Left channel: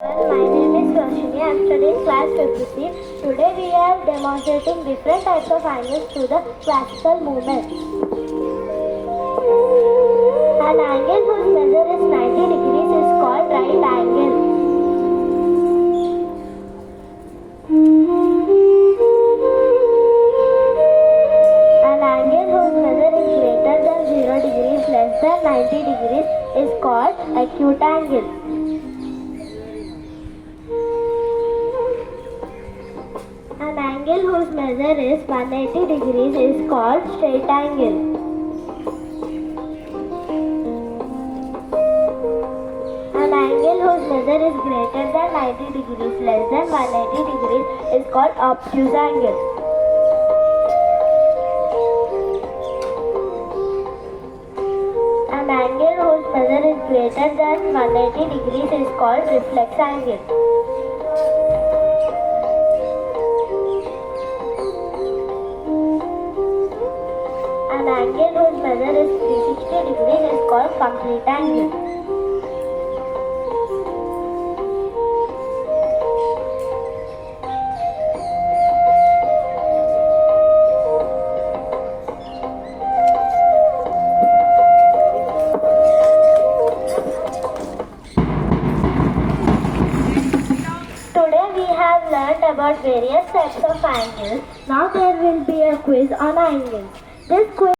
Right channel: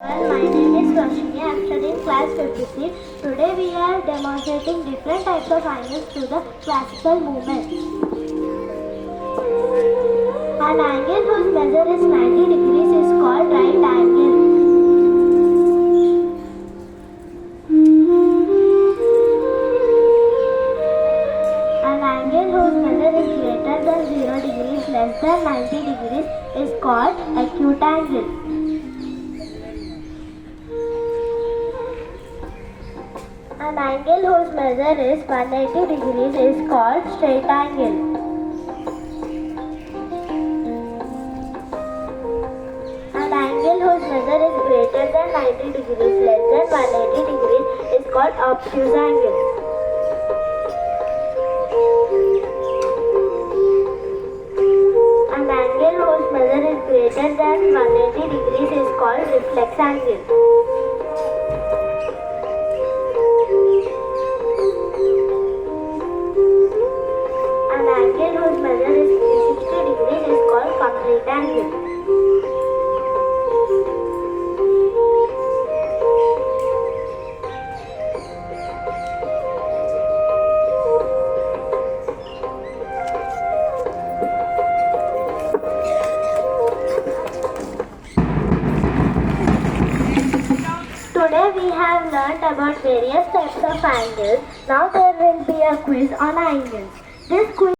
My name is Roshni. I am studying class 53. Today we are demonstrating different types of angles to the classical movement. An angle whose measure is 90 degrees is called right angle. An angle whose measure is greater than 0 degrees less than 90 degrees is called acute angle. An angle whose measure is 180 degrees is called straight angle. An angle whose measure is greater than 90 degrees less than 180 degrees is called obtuse angle. An angle whose measure is greater than 180 degrees is called reflex angle. An angle whose measure is 360 degrees is called complete angle. Today we have learned about various types of angles. Now there will be a quiz on angles. This quiz